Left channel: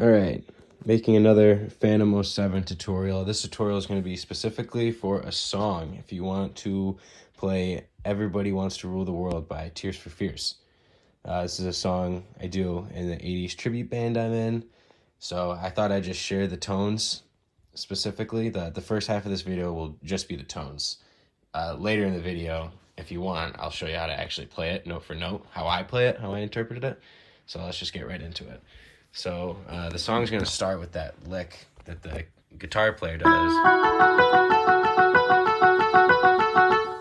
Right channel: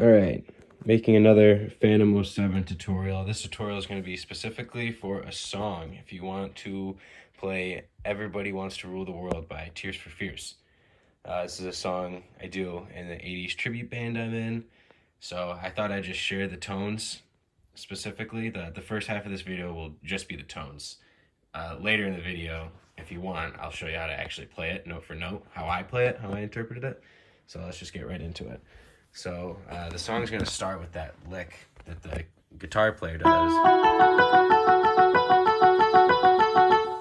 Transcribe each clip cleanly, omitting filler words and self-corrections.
Alright, making another Phantom 07 tutorial. This tutorial is going to be specifically for a song. If you want to play Everybody Wants to Rule the World by Tears for Fears. This is a song I do in the 80s tribute band I'm in. So I thought I'd just share the tones specifically. The first half of this video will just be the tones. Later in the video, if you want, I'll show you how to actually play it note for note, how I play it, how I interpreted it. So let's just get right into it. So the song's going to start with that lick that the guitar player does.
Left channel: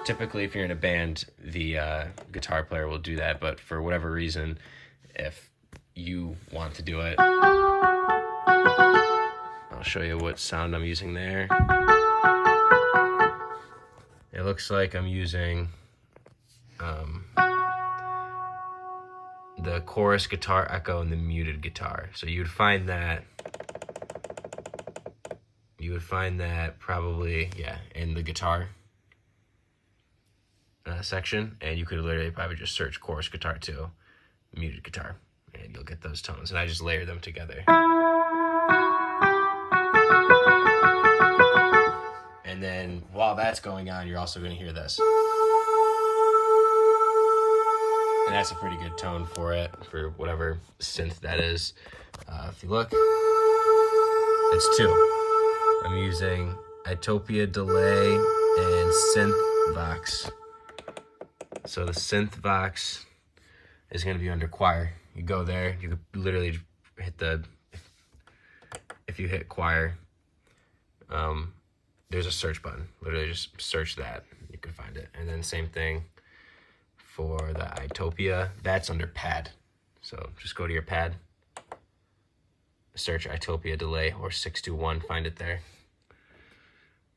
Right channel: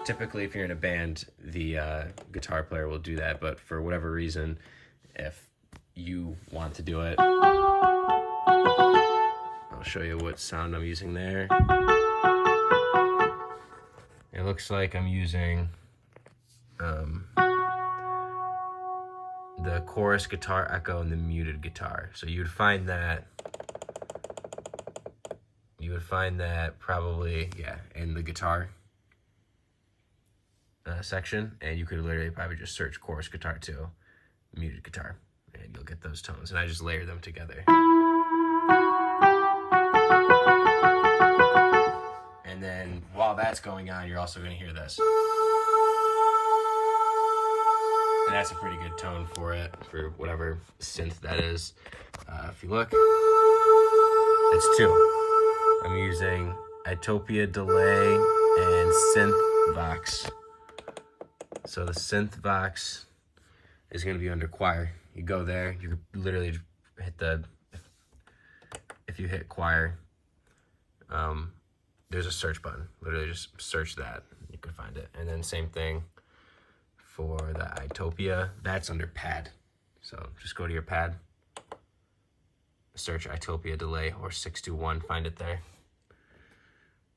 Typically, if you're in a band, the guitar player will do that, but for whatever reason, if you want to do it, I'll show you what sound I'm using there. It looks like I'm using the chorus guitar echo and the muted guitar. So you would find that probably, in the guitar section, and you could literally probably just search chorus guitar 2, muted guitar, and you'll get those tones. And I just layer them together. And then while that's going on, you're also going to hear this. And that's a pretty good tone for it, for whatever synth that is. If you look, it's 2. I'm using Itopia delay and synth vox. So the synth vox is going to be under choir. You go there, you could literally hit if you hit choir, there's a search button. Literally just search that, you can find it. And then same thing for the Itopia, that's under pad. So just go to your pad, search Itopia delay or 621, find it there.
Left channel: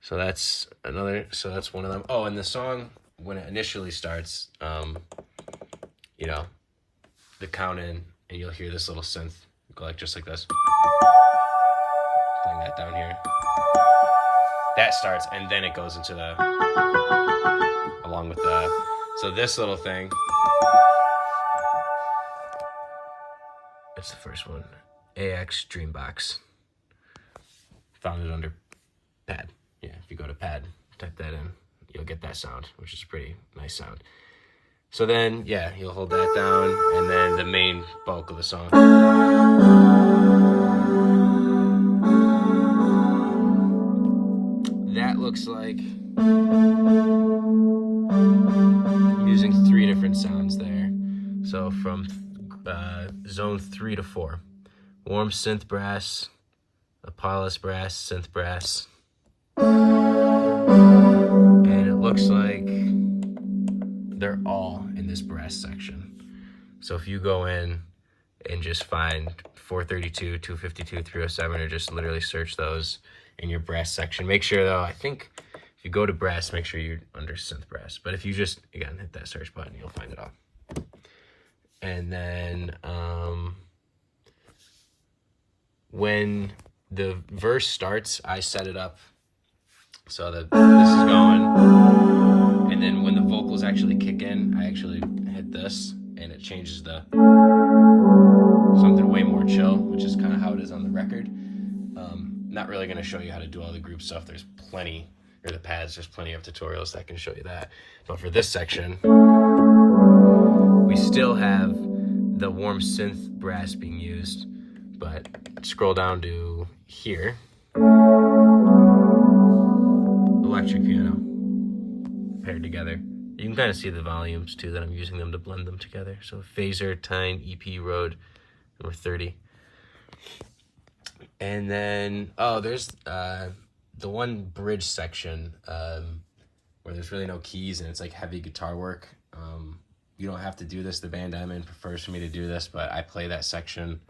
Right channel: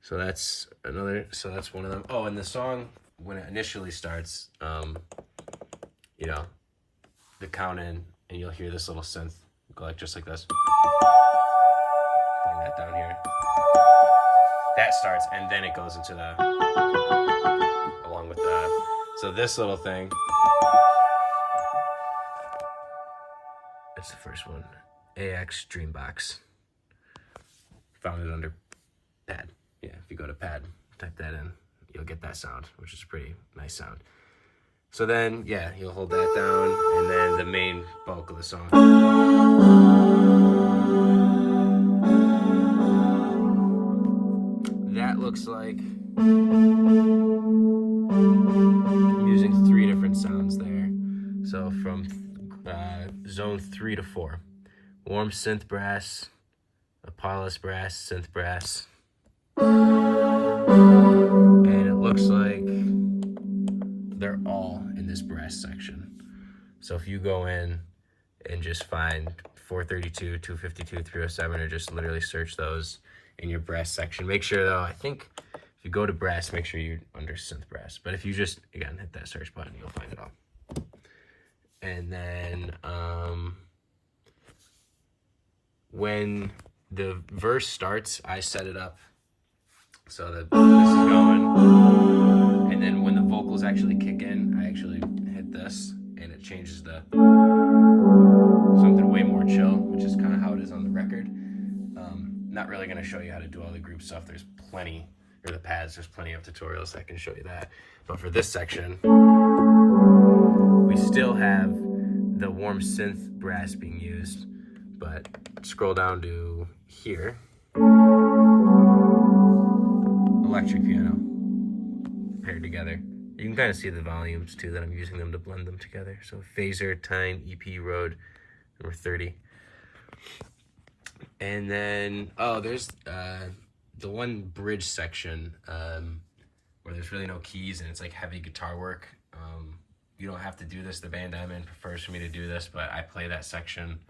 So that's one of them. Oh, and the song, when it initially starts, you know, the count in, and you'll hear this little synth go like just like this. Playing that down here. That starts, and then it goes into the, along with the, so this little thing, that's the first one, AX Dreambox. Found it under pad. Yeah, if you go to pad, type that in, you'll get that sound, which is a pretty nice sound. So then, yeah, you'll hold that down, and then the main bulk of the song. That looks like I'm using 3 different sounds there. So from zone 3 to 4. Warm synth brass, Apollos brass, synth brass. And it looks like they're all in this brass section. So if you go in and just find 432, 252, 307, or just literally search those in your brass section. Make sure though, I think if you go to brass, make sure you're under synth brass. But if you just, again, hit that search button, you'll find it all. And then when the verse starts, I set it up so that this is going. And then when the vocals actually kick in, I actually hit this, and it changes the something way more chill, which is kind of how it is on the record. Not really going to show you how to do all the group stuff. There's plenty, or the pads, there's plenty of tutorials that can show you that. But for this section, we still have the warm synth brass being used, but scroll down to here. Electric piano paired together. You can kind of see the volumes too that I'm using them to blend them together. So Phaser, Tyne, EP, Rode, number 30. And then, oh, there's the one bridge section where there's really no keys and it's like heavy guitar work. You don't have to do this. The band I'm in prefers for me to do this, but I play that section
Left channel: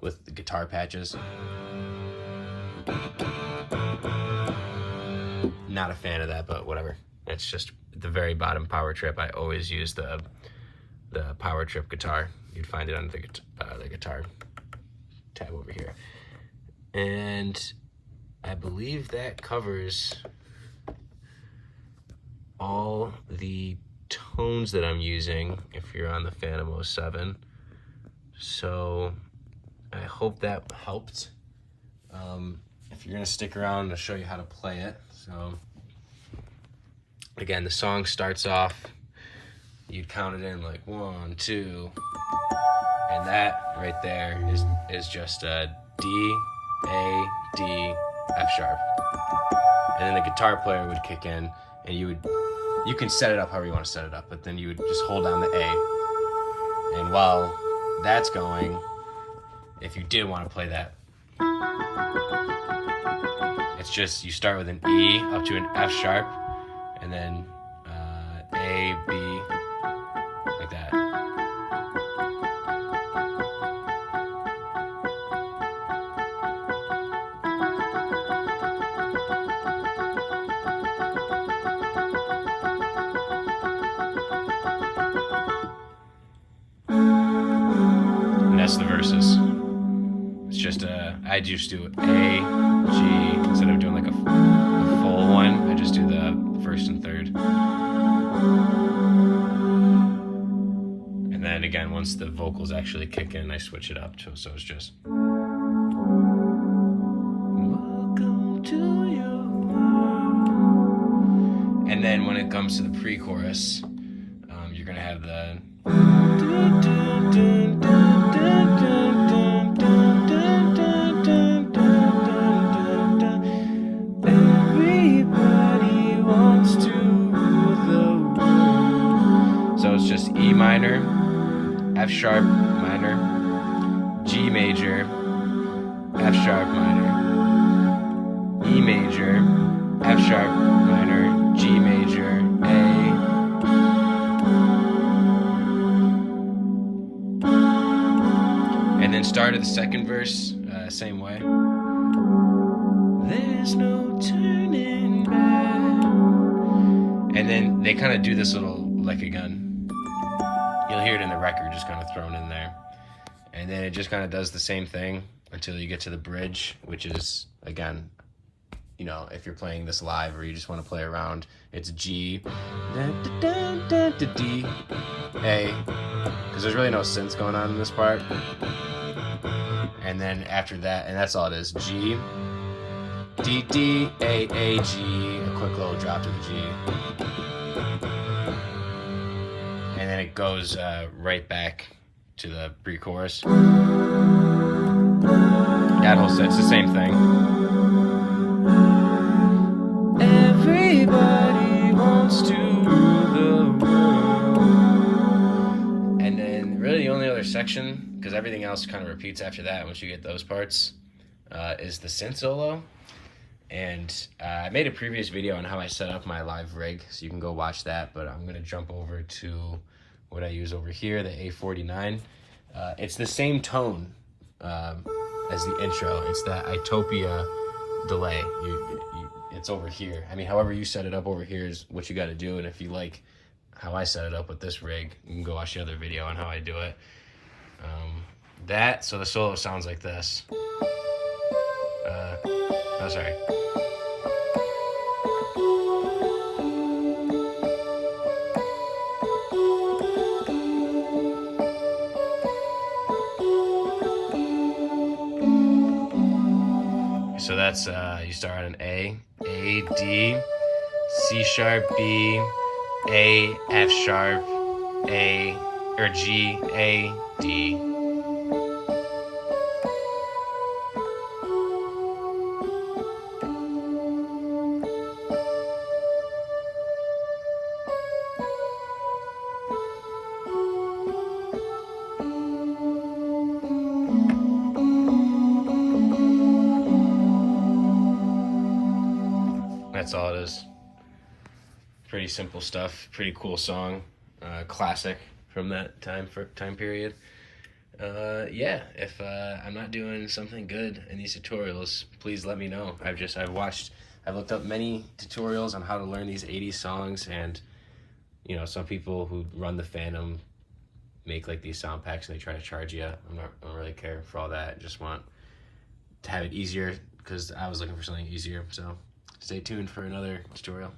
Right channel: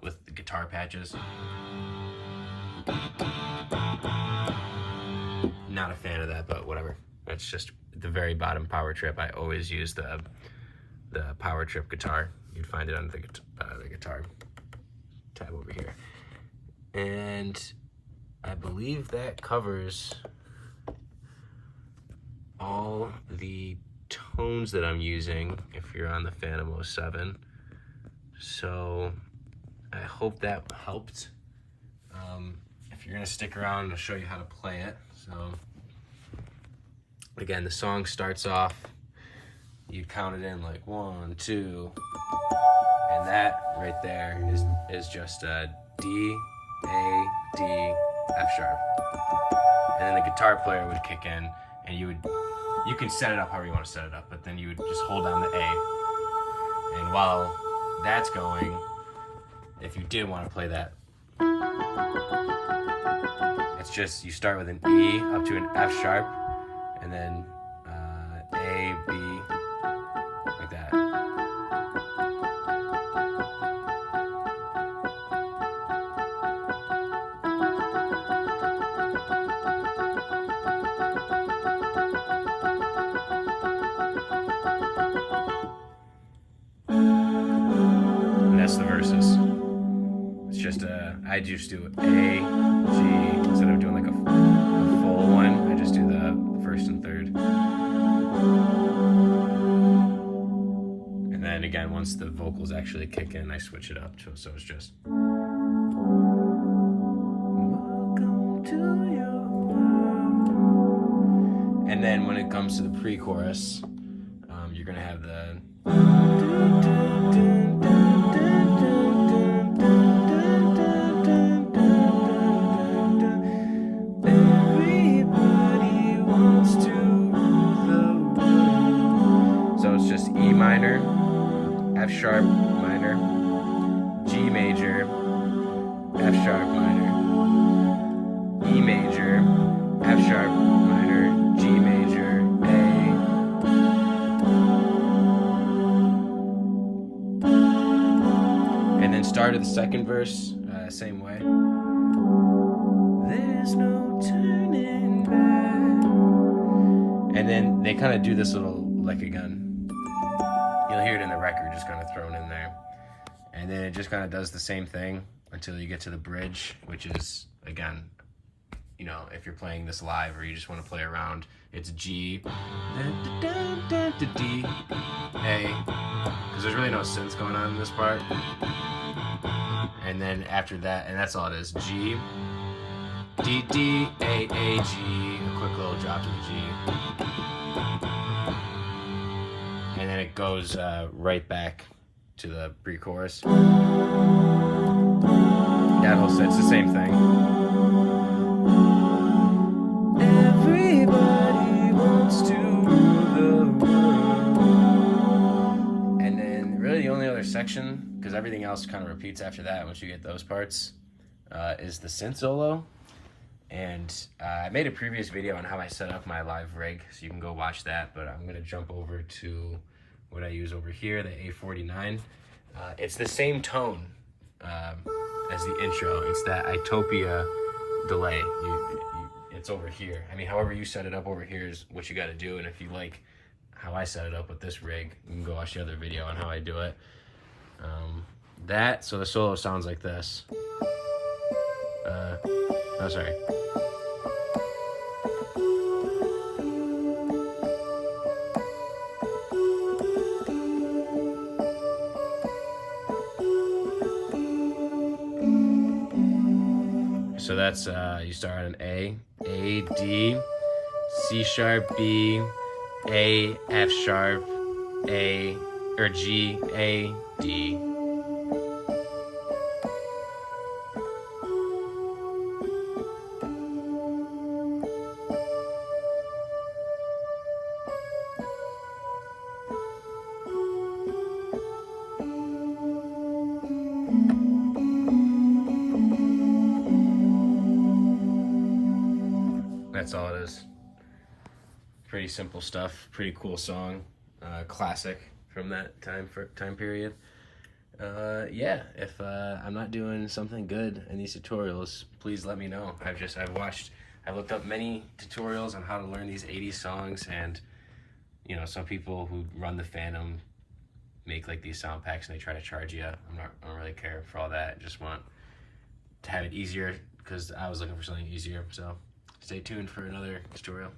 with the guitar patches. Not a fan of that, but whatever. That's just the very bottom power trip. I always use the power trip guitar. You'd find it under the guitar tab over here. And I believe that covers all the tones that I'm using if you're on the Phantom 07. So I hope that helped. If you're gonna stick around, I'll show you how to play it. So again, the song starts off, you count it in like 1, 2, and that right there is just a D, A, D, F sharp. And then the guitar player would kick in, and you can set it up however you want to set it up, but then you would just hold down the A. And while that's going, if you did want to play that, it's just you start with an E up to an F sharp, and then A, B, like that. And that's the verses. It's just I just do A, G, instead of doing like a full one, I just do the first and third. And then again, once the vocals actually kick in, I switch it up so it's just welcome to your world. And then when it comes to the pre-chorus, you're gonna have the everybody wants to rule the world. So it's just E minor, F sharp minor, G major, F sharp minor, E major, F sharp minor, G major, A. And then start of the second verse, same way. There's no turning back. And then they kind of do this little, like again, you'll hear it in the record, just kind of thrown in there. And then it just kind of does the same thing until you get to the bridge, which is, again, you know, if you're playing this live or you just want to play around, it's G, D, A, because there's really no synths going on in this part. And then after that, and that's all it is, G, D, D, A, G, a quick little drop to the G. And then it goes right back to the pre-chorus. That whole set's the same thing. Everybody wants to rule the world. And then really the only other section, because everything else kind of repeats after that once you get those parts, is the synth solo. And I made a previous video on how I set up my live rig, so you can go watch that, but I'm going to jump over to what I use over here, the A49. It's the same tone as the intro. It's that Itopia delay. It's over here. I mean, however you set it up over here is what you got to do, and if you like how I set it up with this rig, you can go watch the other video on how I do it. So the solo sounds like this. Oh, sorry. So that's, you start on an A, D, C sharp, B, A, F sharp, A, or G, A, D. That's all it is. Pretty simple stuff. Pretty cool song. Classic from that time period. Yeah, if I'm not doing something good in these tutorials, please let me know. I've looked up many tutorials on how to learn these 80s songs, and you know, some people who run the FANTOM make like these sound packs and they try to charge you. I don't really care for all that. I just want to have it easier because I was looking for something easier. So stay tuned for another tutorial.